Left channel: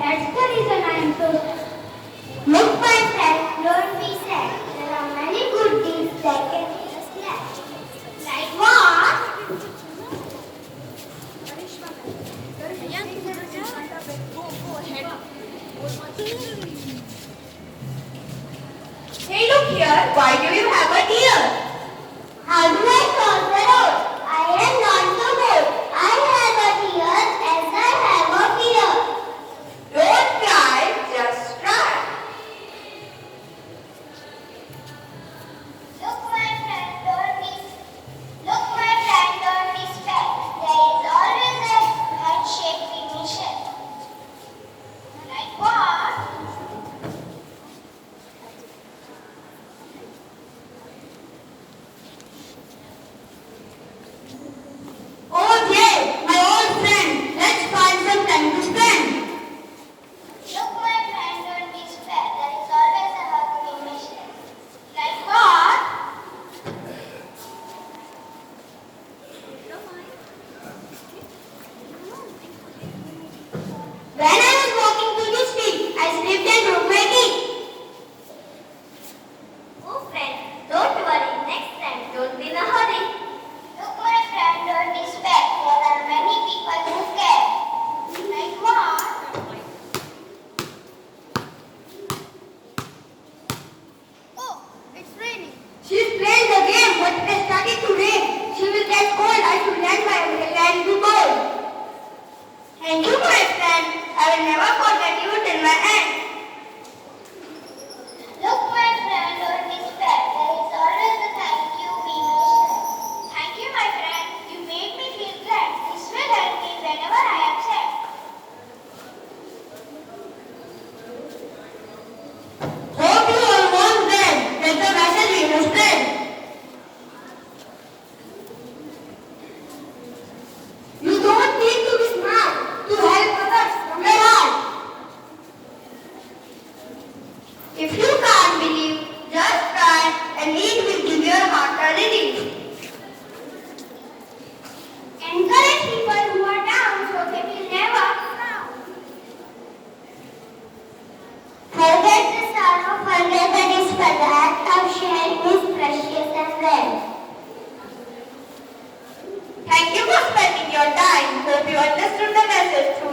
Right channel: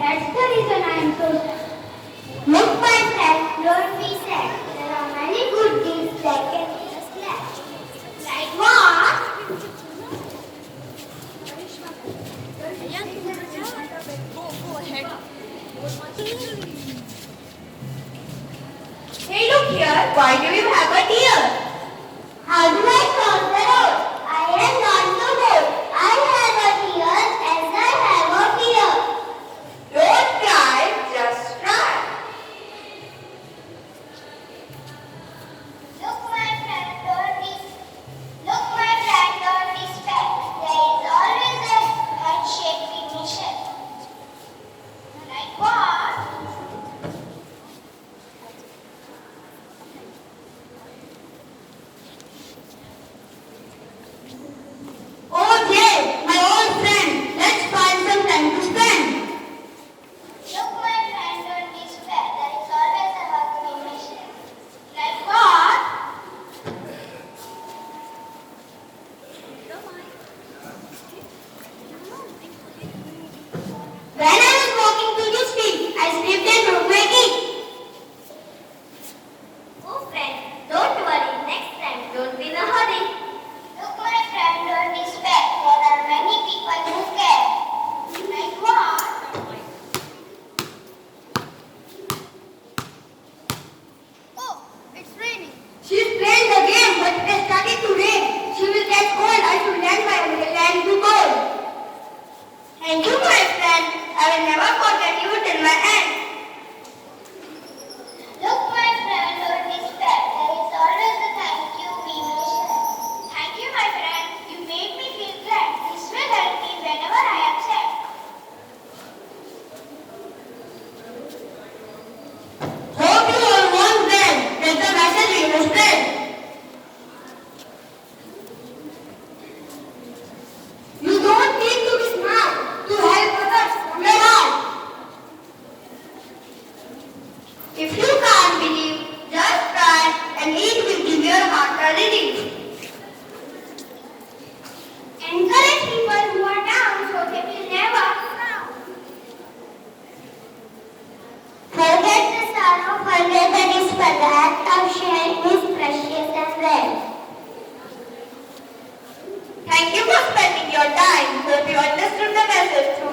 That's the reason I am so sad. Look, my friend, don't be sad. There are many good things that can make us glad. Like what? Hey, look here. Why do you have a deer? How do I cross the road? I am not the road. I have a deer as I have a deer. Don't try, just try. Look, my friend, don't be scared. There is always a heart-shaped mission. Like what? Oh, Jay, my old friend. Let's find some time to spend. Look, my friend, don't be scared. There is always a heart-shaped mission. Like what? When I was walking to the street, I slipped and broke my knee. Oh friend, don't worry. Next time, don't be in a hurry. Look, my friend, don't be scared. There are many people who care. Like what? Oh, it's raining. She's playing the game, but it has started to rain. She will get cold. I should land my umbrella and be cold. Thank you, my friend. I will never forget you till my end. Look, my friend, don't be scared. There is always a thank you we mention. Thank you, my friend. You made me feel glad. This will help me whenever I am sad. Hope you are almost there. That's the message we must spread. You don't need to be smart to help others from your heart. If you can't believe, just try and it will give your heart a relief. Encourage people who are down so they will never frown. Forget the sorrow, forget the discover. The act of sharing is precious and rare. Thank you for spending your time. Hope you understood the message through